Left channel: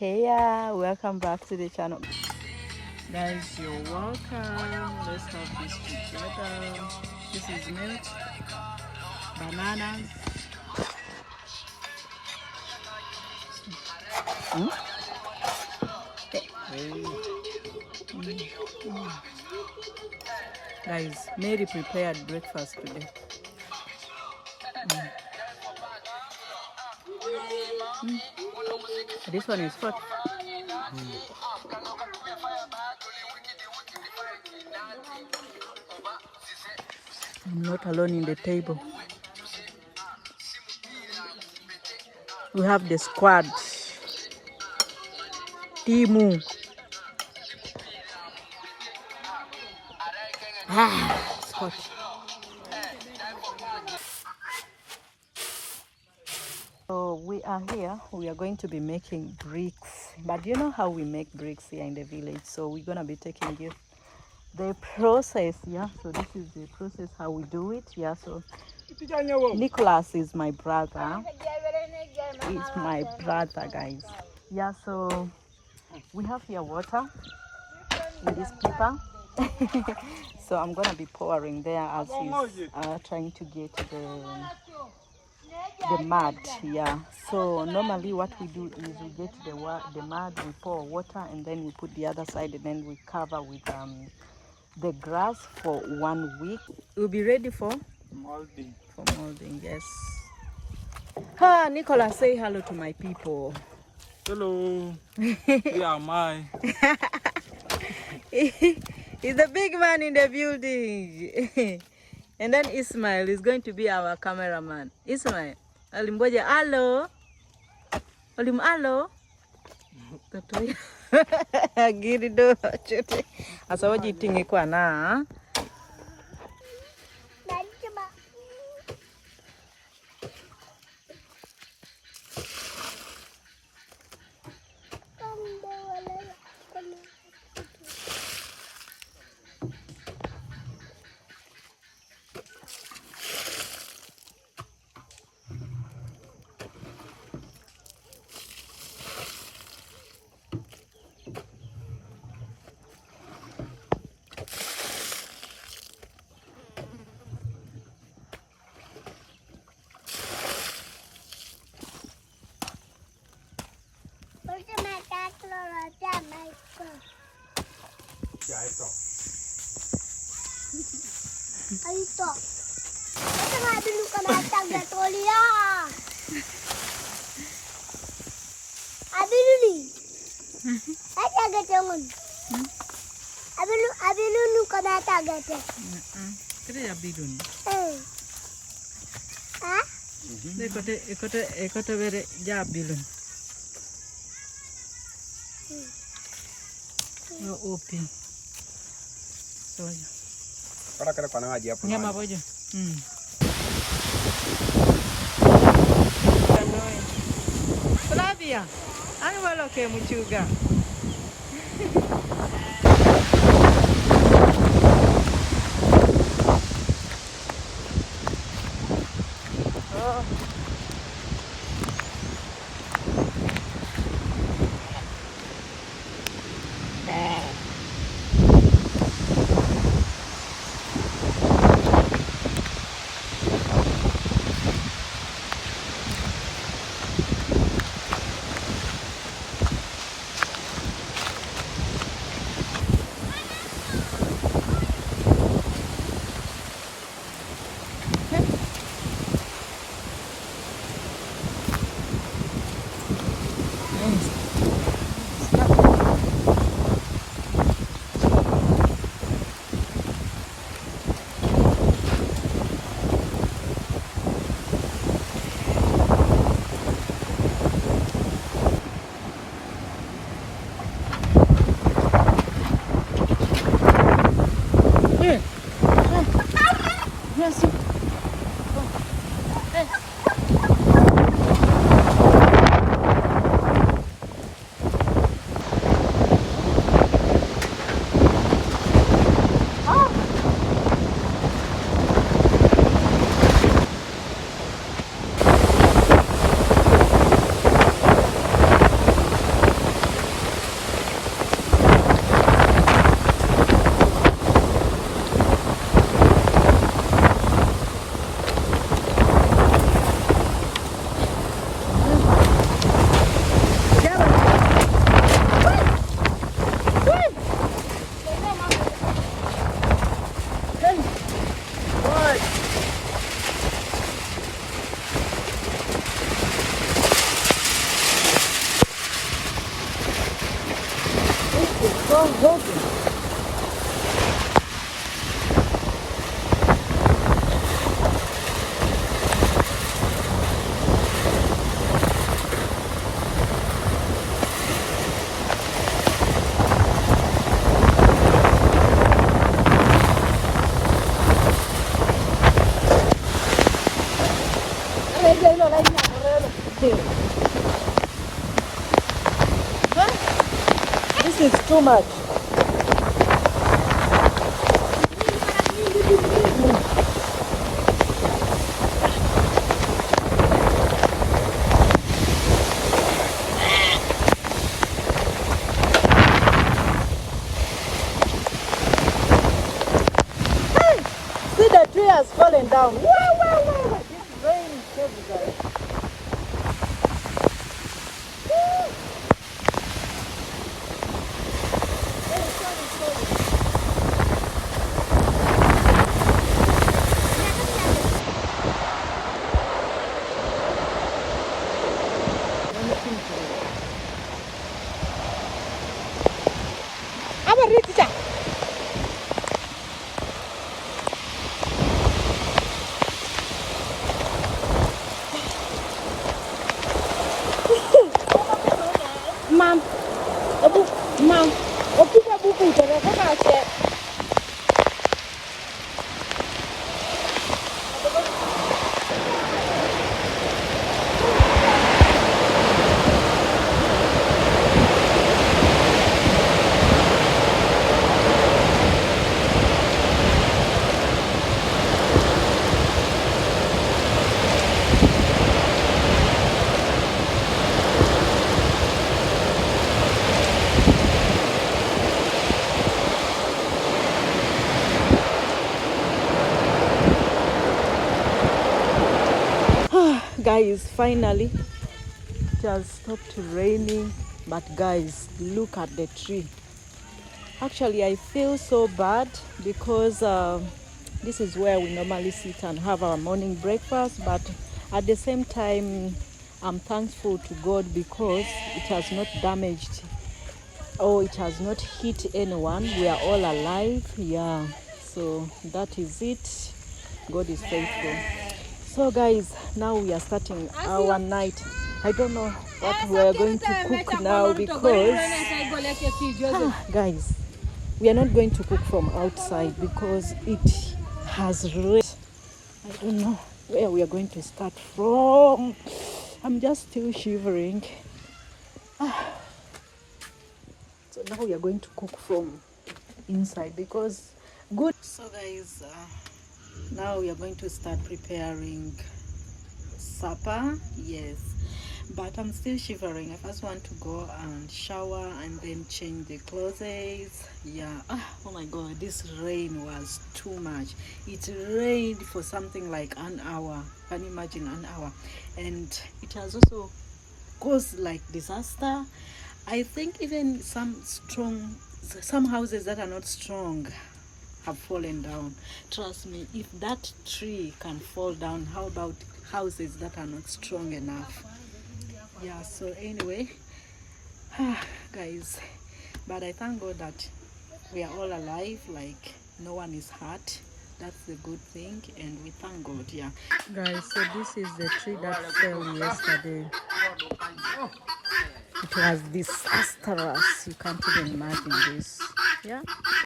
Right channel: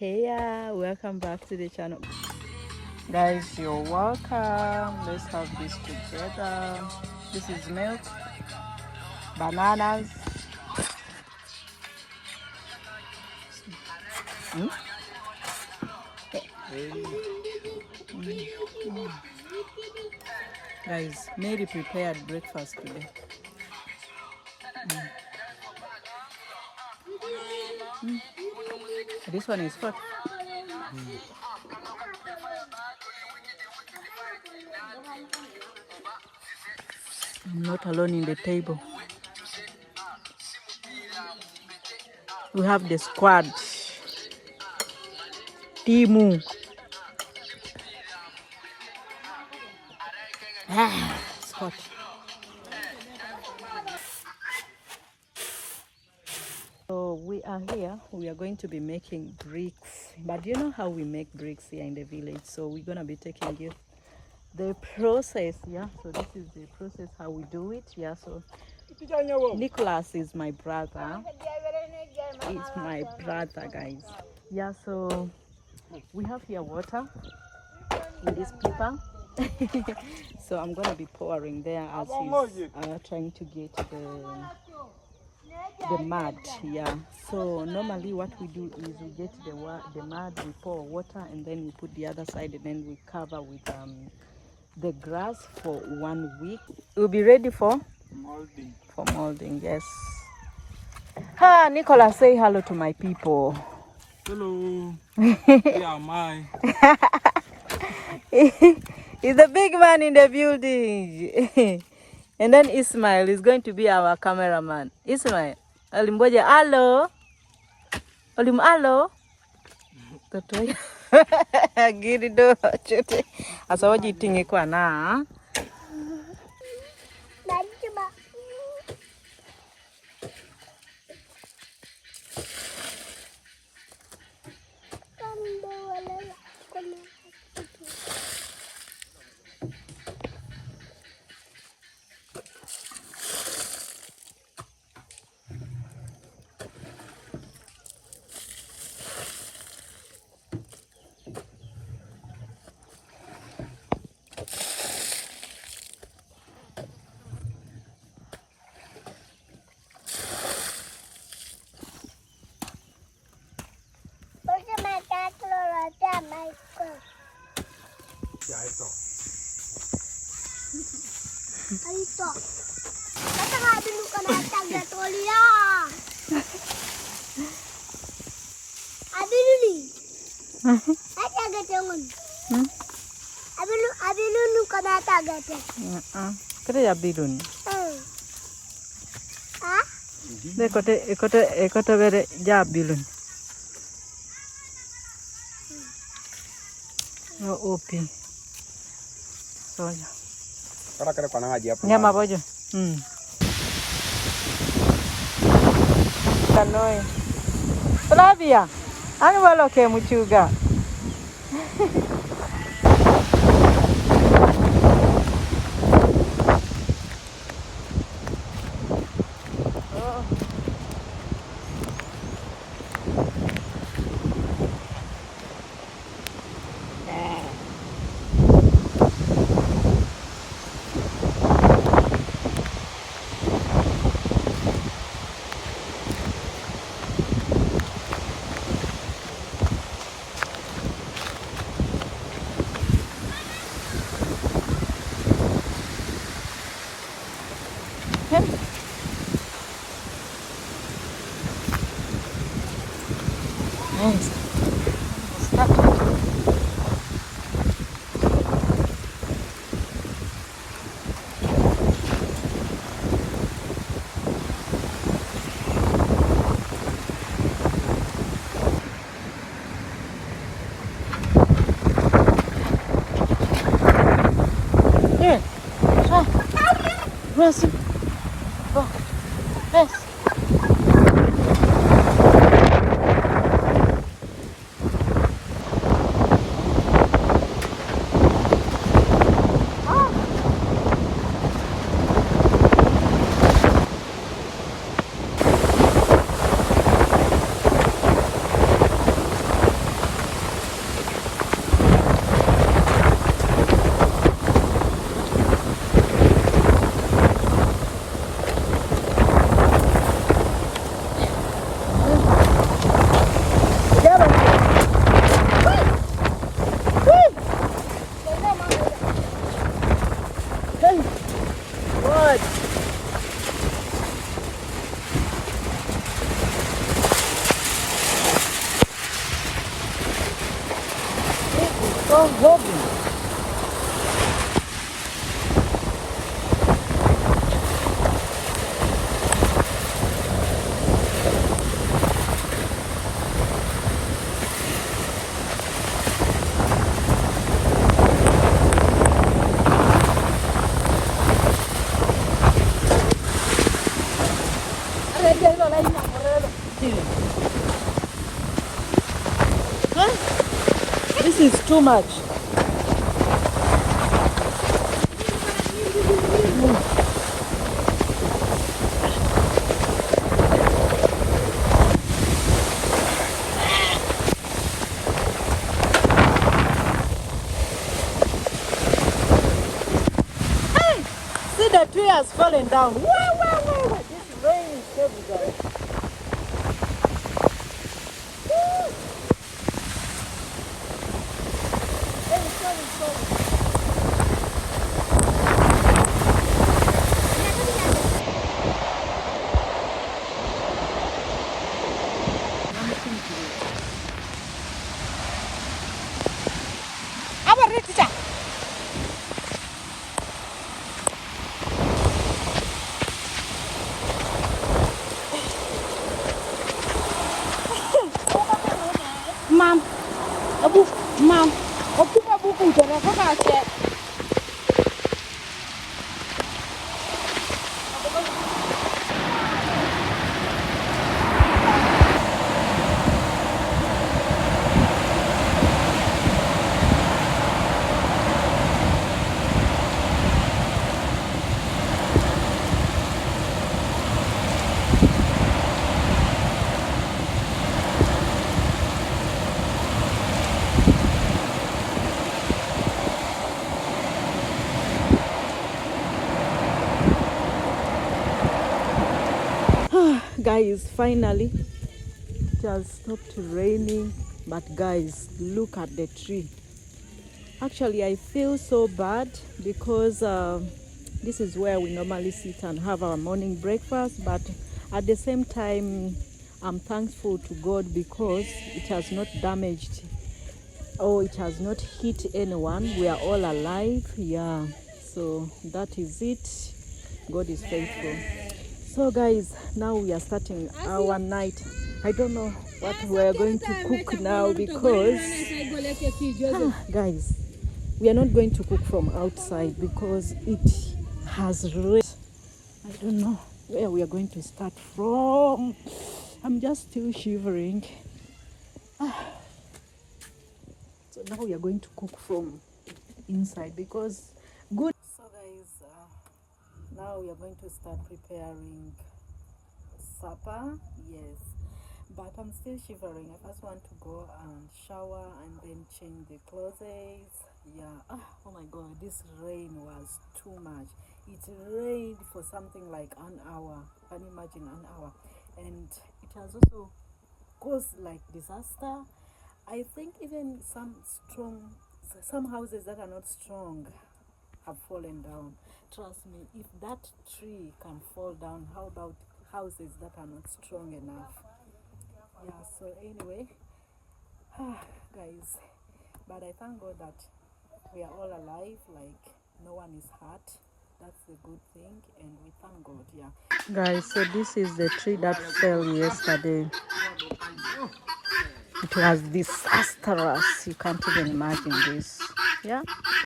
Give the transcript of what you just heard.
Hey, welcome back to the channel. Guys, you're welcome. Let's have this together. This is milk, bananas. Mm? Guys, Mary prepared breakfast today. This one is hot. I'm not alone in the table. We have the squad. Timu. It's hot. So we are here. We are going to be making bricks. But you know how we make bricks here in the village. So we're going to be taking you the process. Yeah. So this is the process how we do it. Yeah. So Nicholas is my brother. He's my brother, guys. Yeah. So we have here water in this paper. So I'm going to be pouring there as he's trying to get the mud. Yeah, so normally what we do is we get the mud, we pour water, and then we put the other side, and then we cover with the grass for 1 week. We'll be ready for molding. Yes. Nicola, say hello to my people. Hello. Yeah, my. He's the big man in the building. And then Ismail is going to be our cameraman. Ismail, Olimboja, hello. Hello. Girido chote. Asawaji tingi kwa na. Aito. Basta nga dulu ka na tagda toliya. Abilu ni. Ay tagda tungon. Abilu nu ka na tagda. Kaya abilun. Ah? Ekote bere ja abilun. Yo opi. Soja. Para kira kwa ngaji hapo. Nyama bojo. Kanoe. Flavia. Ani walo ke muchuga. so heavy. Huh? This is too much. See, the tree has fallen down. Whoa, whoa, whoa, whoa. This rain is heavy, guys. Mom, mom, guys, finally it has stopped raining, but guys, look at the tree. Actually, I feel so bad because this is where we normally sit and have our morning breakfast, but at the same time I'm thankful to God because it has not damaged or it has not hit anyone. We are all alive. Yeah, so that is it. God is faithful. So guys, now we are starting our night. I don't know what we are going to cook now because guys, we are not going to cook from outside because it has rained. I don't know where we are going to start from. I'm just still shivering. So now we are going to cook from inside because good. So guys, now we are going to start preparing supper. Yes, but I'm still shivering. I first want to go and shower and then change the clothes. Yeah. Oh my god, this rain was too much. It rained for something like an hour. Can you imagine? An hour. And it has also caused like disaster. I think even some houses that are not strong have fallen down. Trust me, if that tree can fall down, how about houses that are not strong enough? Yeah, so anyway, guys, but I thank God that we are all alive, like no one is hurt. That's the good thing, and we thank God. Yeah, guys, so this is the tree that fell yesterday. It was disastrous. You can't even imagine this. Yeah.